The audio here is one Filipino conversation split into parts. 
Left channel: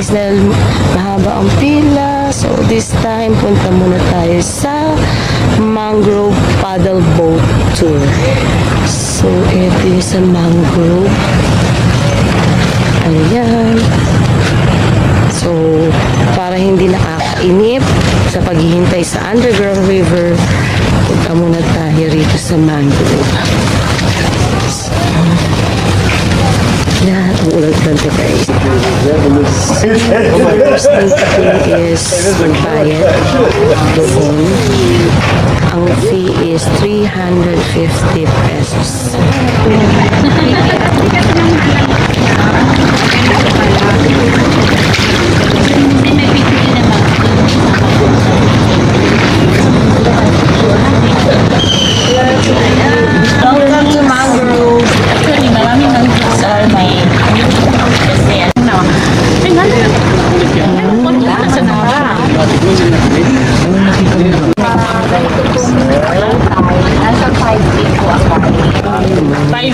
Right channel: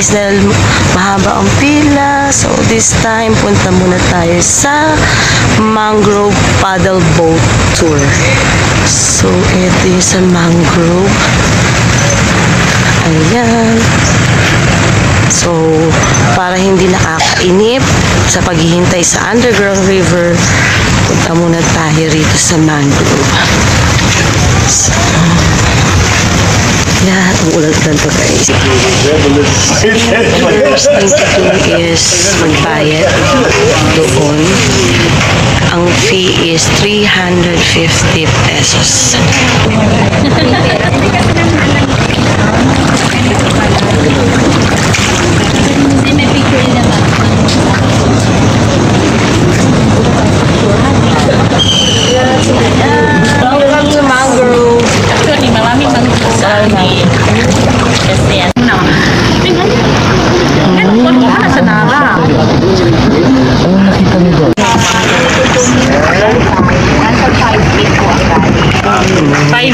Dahil mahaba ang pila, so this time punta muna tayo sa Mangrove Paddle Boat Tour. So ito yung sa Mangrove, ayan. So para hindi nakakainip sa paghihintay sa underground river, punta muna tayo rito sa Mangrove. So, yan, ulan-ulan to guys. First thing to do is magbayad doon. Ang fee is 350 pesos. Welcome to Mangrove.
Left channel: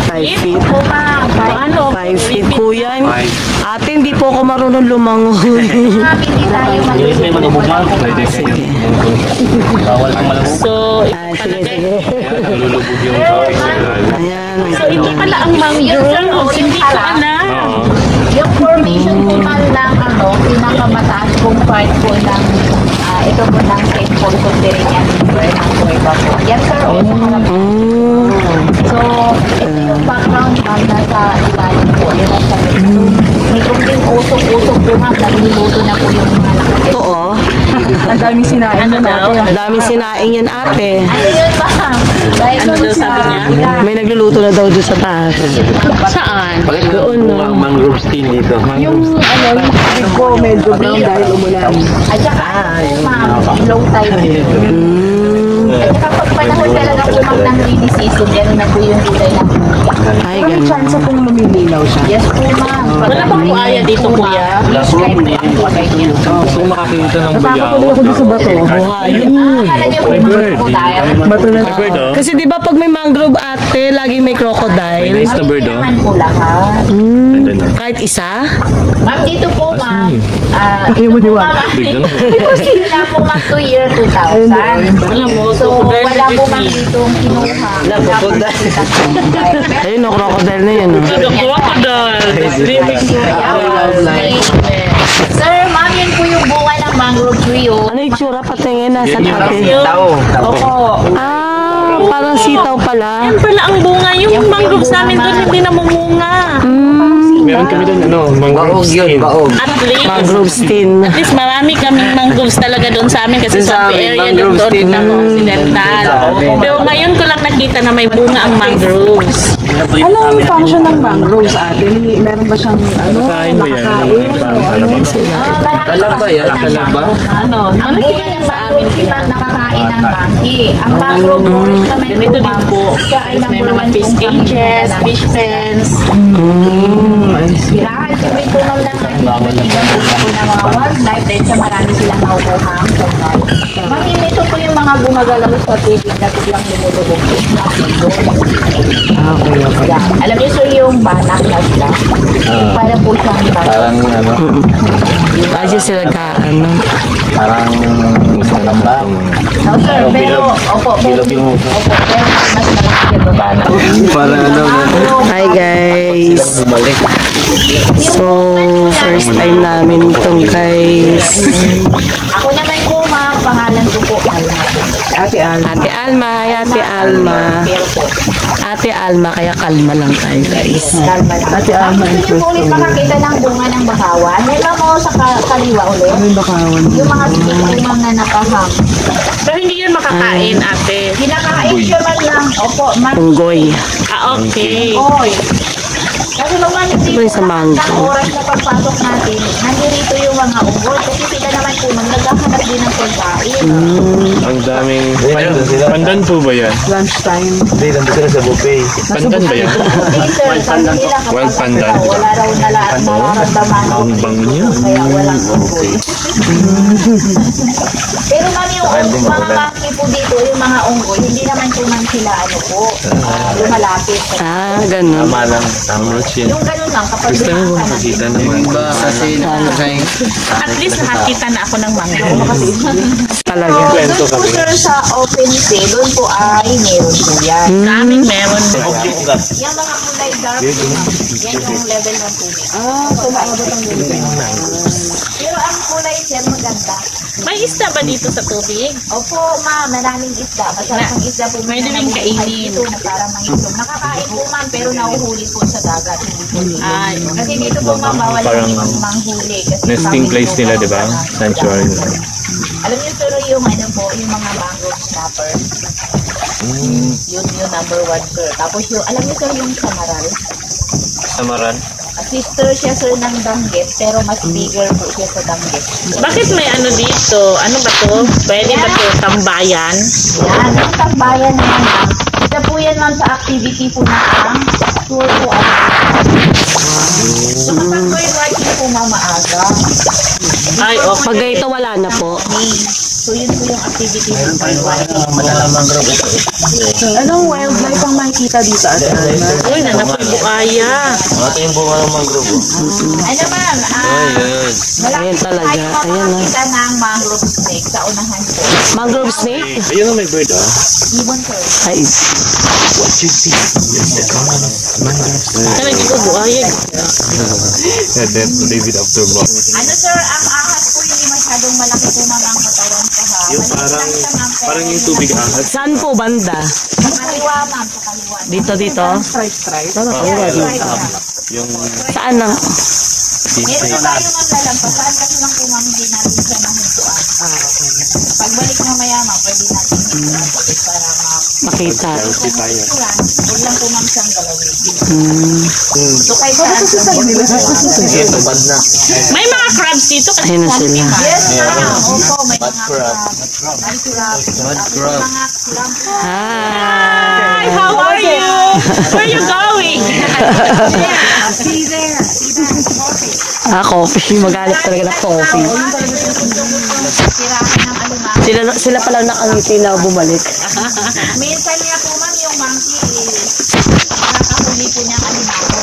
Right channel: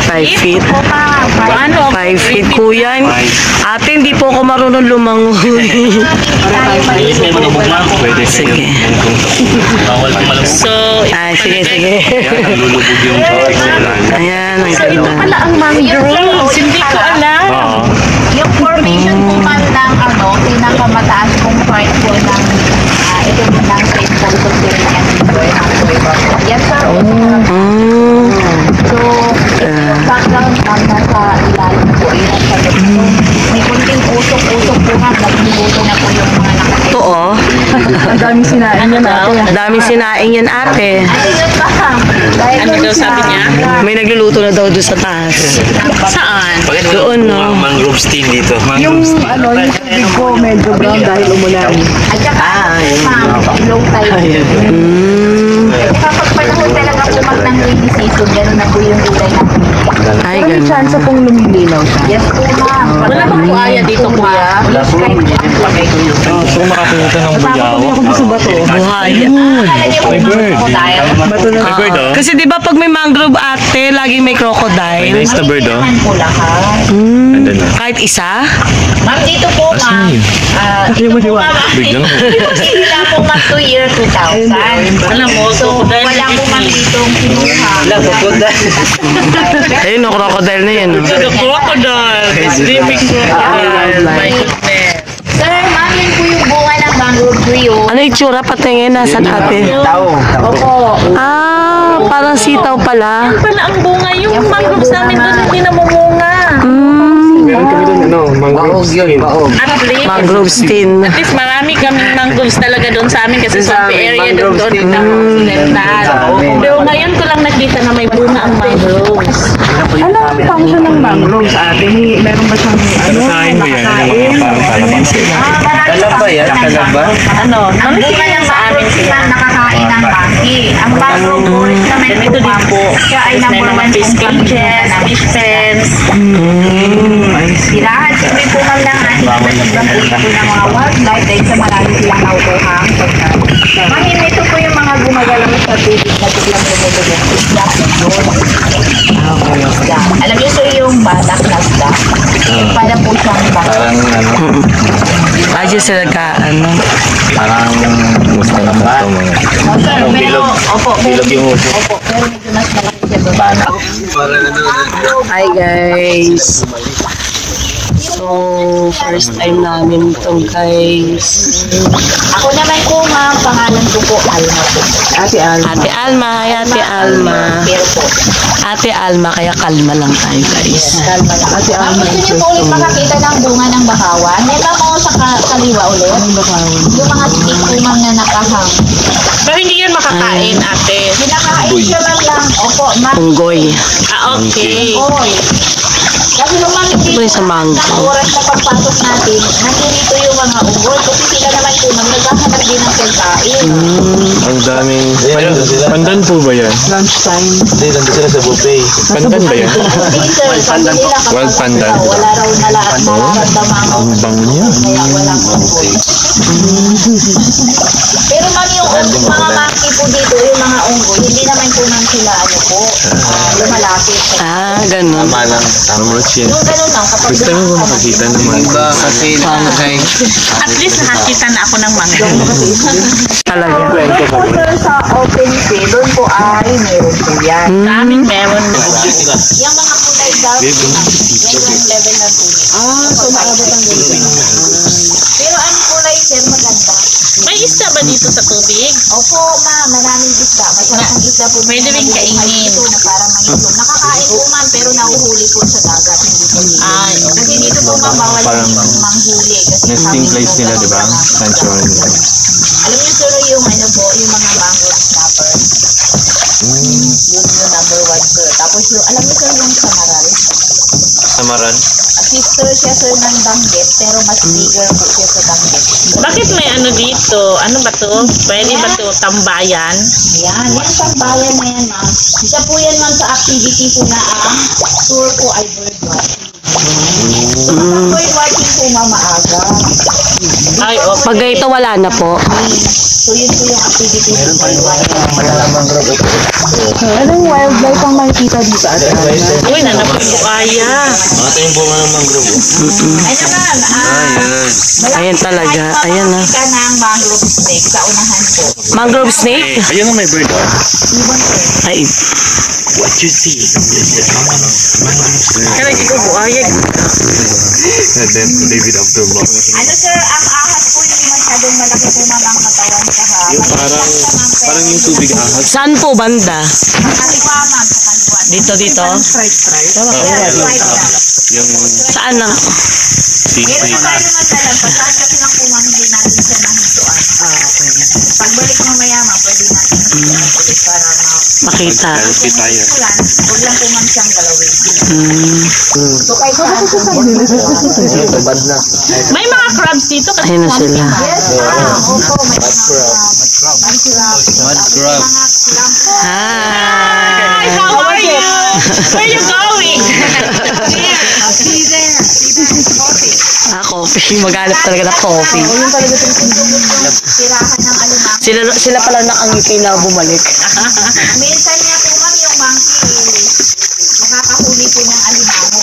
Five feet. Ano? 5 feet po yan. Ate, hindi po ako marunong lumangoy. Sige. So, sige. Ayan, ang ganda. Pala ang mangrove. Hindi ko alam. Yung formation po man lang, pinakamataas kong part po ng ito po ng St. Paul Cotillion River ng Puerto. Yan sir, so, background nasa ilalim po. Yun ang sabi ko. May kunting usok-usok po nga, maglimuto na po yung mga nakakita. Ito oh. Ang daming sinaing yun ate. Daming sinaing yan ate. Ano yun ba? Ano daw sabi niya? May nagluluto na daw doon sa taas. Saan? Doon no. Mangrove steam dito. Yung big ko medyo brown dahil umulan. At saka, low tide. Kapag panahon talaga kumag ng rainy season, gano'n na po yung kulay ng Ay, May ganun. chance pong lumililaw siya. yes po ma'am. Wala bang buhaya dito kuya? Kung makakita ng Nakakatuloy ako sa bato. Buhaya. Lagyan po yung crocodile. Bato na. Kasi di ba pag may mangrove ate, laging may crocodile. Nice na bird, oh. Naman po lahat. Kahit isa? Ma'am, dito po ma'am. Hindi mo diwa. Sila po ma'am to year 2000. Alam mo, So, wala po ma'am ditong kinuha. Wala, crocodile. Ayun no, crocodile na yan no. Crocodile. Sleeping crocodile. Sir, ma'am, yun po yung bunga ng mangrove tree. Ano yung tsura patingin? Nasaan ate? Tao. Opo. Ah, parang sitaw pala. Pala ang bunga. Yung mangrove sa amin doon hindi namumunga. Maog yun, maog. At least, Mangrove stem. at least marami kaming mangroves talaga doon sa amin kasi Sa swampy amin, area mangrove doon stem. na occidental. Sa amin. Pero ngayon ko lang nakita na may bunga ang mangroves. Ano ang function ng mangrove sa atin? Meron ba siyang Kain mo yan. Kalaba yan, kalaba. Ano? Ang bunga ng mangrove sila nakakain ng monkey. Ang mangrove forest naman Ganito din po. siya ay number one Fish kung cages, fish pens. Sirahan, siyempre po man lang ating iba't ibang po ng mga wildlife dahil sa marami silang naukuhang pagkain. Mahim ito po yung mga gumagalaw sa tubig na biglang lumulubog. Isda. Alam niyo so yung batak na isda. Para po siyang batak. Parang ano, Ayos sila ka, ano. parang gusto na ba? Oh, sir, pero, opo, pero, opo, pero mas malaki siya doon. Parang ano na. Hi guys. Bumalik. So, first time namin itong guys. Ako naman po, ma'am, pangalan ko po, Alma po. Ate Alma. Ate Alma. Hi, Ate Alma. Pero po, Ate Alma, kaya kalma lang tayo guys. Alma na. Ate Alma. Gusto niyo po ulit makakita ng bunga ng bakawan? Yan lang ako sa kaliwa ulit. Yung mga stick po ma'am na nakahang. Pero hindi yan makakain, ate. Kinakain siya lang. Opo, ma'am. Unggoy. Ah, okay. Oy. Kasi nung Ito yung sa mango. sa oras na pagpasok natin, nandito yung mga unggoy. Kasi sila naman po, naghahanap din ng pagkain. Ang daming... Pandan po ba yan? Lunchtime. Hindi, nandun sila sa buffet. Pandan ba yan? Hindi sir, sabi nila Wild kapag pandan. wala raw nararamdaman Ang bango niya. kaya walang unggoy. Pero ma'am, yung mga monkey po dito, yung mga unggoy, hindi naman po nang sila lumalapit. Ah, ganun. Tama lang. Tama. Yung ganun lang, kapag Gusto mo ba makita naman? Iba kasi At least nakakita na ako ng mango. Talaga. Kwento ka ba? Sir, sa open sea, doon po ay meron po yan. Daming meron po. Yung mga kulay dark, yan yung level ng tubig. So naabot ang ganito. Pero ang kulay, sir, maganda. May isda ba dito sa tubig? Opo, ma'am, maraming isda. Masyadong isda po. Pwede rin kainin. Na parang mangisog. Nakakain po, ma'am, pero nahuhuli po sa dagat. Hindi po dito. Kasi dito po, ma'am, bawal Parang dito manghuli. Kasi nesting kami place po nila, sa di ba? dagat. Sanctuary nila. Alam niyo, sir, yung ano po, yung mga mangrove snapper. Yun yung number one, sir. Tapos yung, alam niyo, sir, yung samaral. Samaran. Sister siya, sir, ng danggit, pero mas bigger po siya sa danggit. Bakit may ano dito? Ano ba to? Pwede ba to tambayan? Yan, yung tambayan na yan, ma'am. Isa po yan, ma'am, sa activity po na ang tour po ay so, kapag tour working po, ma'am, maaga. Ay, okay. Pag ito wala na po. So, yun po yung activity po tour working. Anong wildlife ang makikita dito at Uy, nanapagbuaya. Ito yung bunga ng mangrove. Ano, ma'am? Ayan. Ayan talaga. Ayan na. Kita ng mangrove snake sa unahan po. Mangrove snake? Ayun ang may bird, ah. Ibon, sir. Ay, Kaya dito buaya. David after box. Ano, sir, ang ahas po hindi masyadong malaki po, ma'am, ang katawan sa Parang yung tubig ahas. saan po banda? kaliwa, ma'am, sa kaliwa. Dito. Yung Saan na? Meron na tayo maglalang. Pasaan kasi lang po, ma'am, hindi natin siya nahintuan. Pagbalik mamaya, ma'am, pwede natin hintuan ulit para Makita. selfie tayo. huwag lang po, ma'am, siyang galawin. So, kahit saan po, Ito, bad na. May mga crabs dito. Kasi Ayun na sila. yes, opo, may mga crab. mud crab. Mud crab. Mga crab po. Hi! how are you? Where are you going? Coffee. Maghanap talaga ng coffee. Sirakan ng alumango. Sila pala nakangiti na bumalik. Minsan niya po, ma'am, yung monkey, nakakahuli po ng alimango.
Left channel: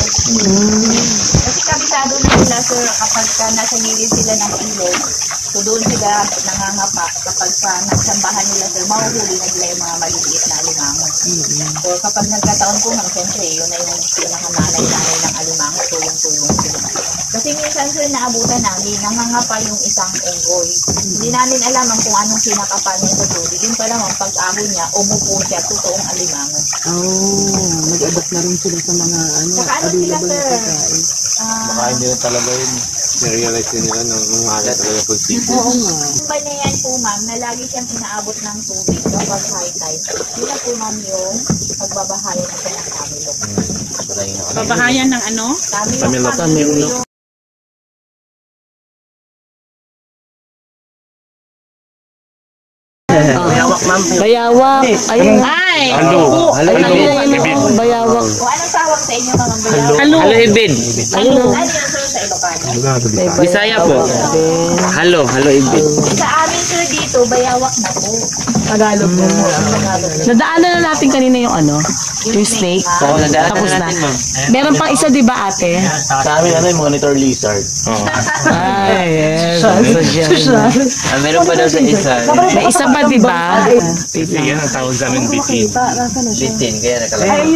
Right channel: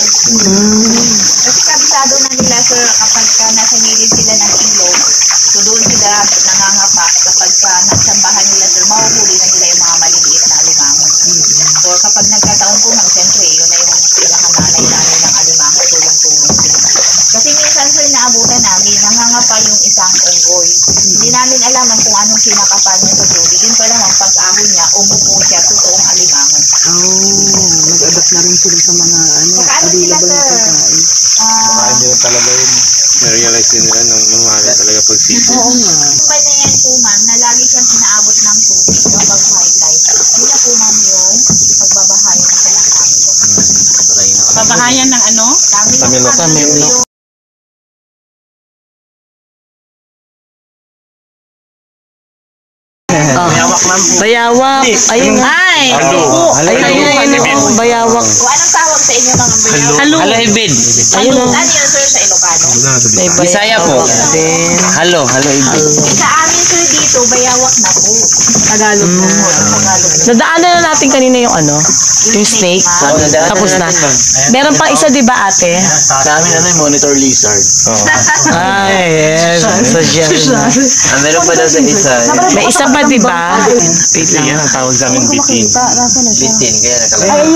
Kasi kabisado na sila, sir, kapag nasa gilid sila ng ilog, so doon sila nangangapa. Kapag nasambahan nila, sir, mahuhuli na nila yung mga maliliit na alimango. So kapag nagkataon po, ma'am, siyempre, yun na yung pinakananay-nanay ng alimango, tulong-tulong sila. Kasi minsan, sir, naabutan namin, nangangapa yung isang unggoy. Hindi namin alaman kung anong kinakapan niya sa tubig. Yun pala, ma'am, pag-ahon niya, umupo siya, totoong alimango. Nag-adapt na rin sila sa mga Saka ano sila, sir? Baka hindi na talaga yun. Na-realize din nila nung mahali talaga pag-sipon. Oo nga. Yung kanya yan po, ma'am, na lagi siyang inaabot ng tubig kapag high tide. Yun na po, ma'am, yung pagbabahayan na siya ng kamilok. Pabahayan ng ano? Kamilok. Bayawak. Ayun na. Ay! Ayun. Bayawak. O anong tawag sa inyo mga bayaw? Halo. Ibid. Ayun na. Ano yun, sir, sa Ilocano? May Bisaya po. bayawak din. Halo, Ibid. Sa amin, sir, dito, bayawak na po. Tagalog na. Nadaanan na natin kanina yung ano, yung snake. Tapos na. Meron pang isa, di ba, ate? Sa amin, monitor lizard. Ay, yes. So, yan. Meron pa daw sa isa. May isa pa, di ba? Wait lang. Yan ang tawag sa amin bitin. Bitin, kaya nakalagay.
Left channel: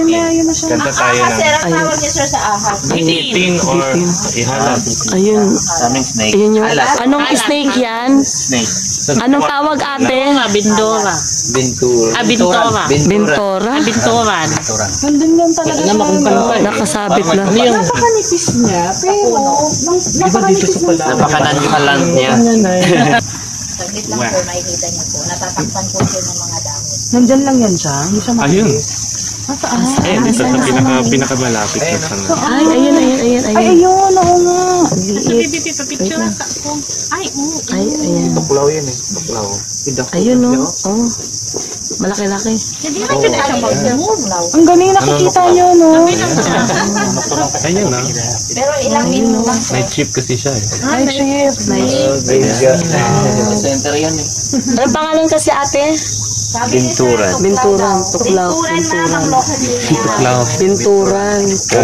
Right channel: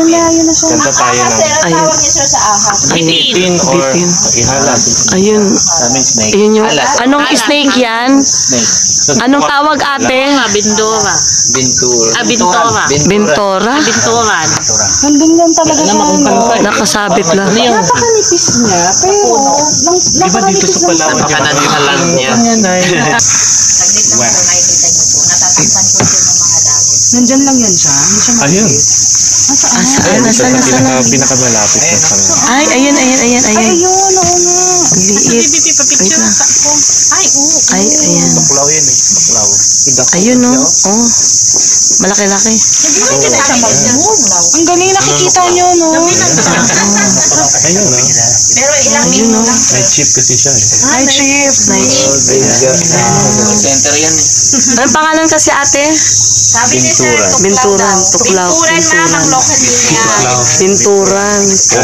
Kanta tayo Ahas, ng sir, ang tawag niya, sir, sa ahas. bitin or Bitin. ihalas. Ayun. Sa amin, snake. Ayun yung, anong snake yan? Snake. Anong tawag, ate? Bindora. Bintura. Bintora. Bintora? Bintoran. Nandun lang talaga sa ano. Nakasabit lang. Napakanipis niya, pero napakanipis lang siya. Napakadagdagan niya. Saglit lang po, makikita niyo po. Natatakpan po siya ng mga dahon. Nandyan lang yan siya. Hindi siya Ayun. matiis. Nasaan? Pinakamalapit na sa mga. Ay, ayan. Liit. Wait lang. Ay, ayan. Baklaw yan eh. Baklaw. Ayun, no? Oh. Malaki-laki. Ang galing nakikita nyo, no? Ayun na. Pero ilang minuto lang. Night shift kasi siya eh. Hi, Chief. Center yan eh. Anong pangalan kasi ate? Sabi ni Sir, Binturan. Tuklaw. Binturan ma'am ang local niya. Binturan.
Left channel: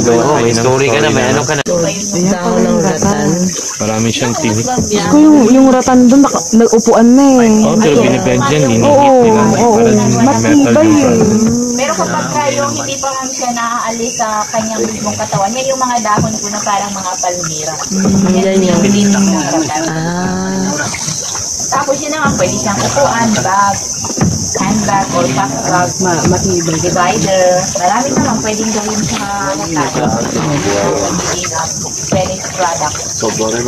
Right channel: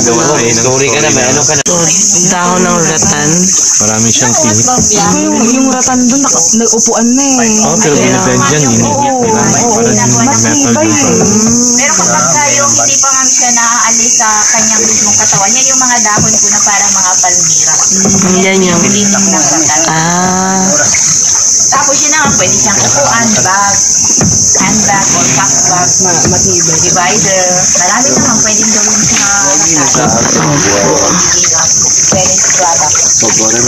Oo, may story ka na, may ano ka na. Dahon ng ratan. Marami siyang team. Gusto yung ratan doon, nag-upuan na eh. Oh, pero binibend yan. Hinihit nila. Para metal yung product. Pero kapag yung hindi pa ma'am siya naaalis sa kanyang mismong katawan, yan yung mga dahon ko na parang mga palmira. Yan yung... Tinipak ng ratan. Tapos yun na nga, pwede siyang upuan, bag, handbag, or packbag, Matibay. divider. Marami naman pwedeng gawin sa ratan. Finished product. Sobrang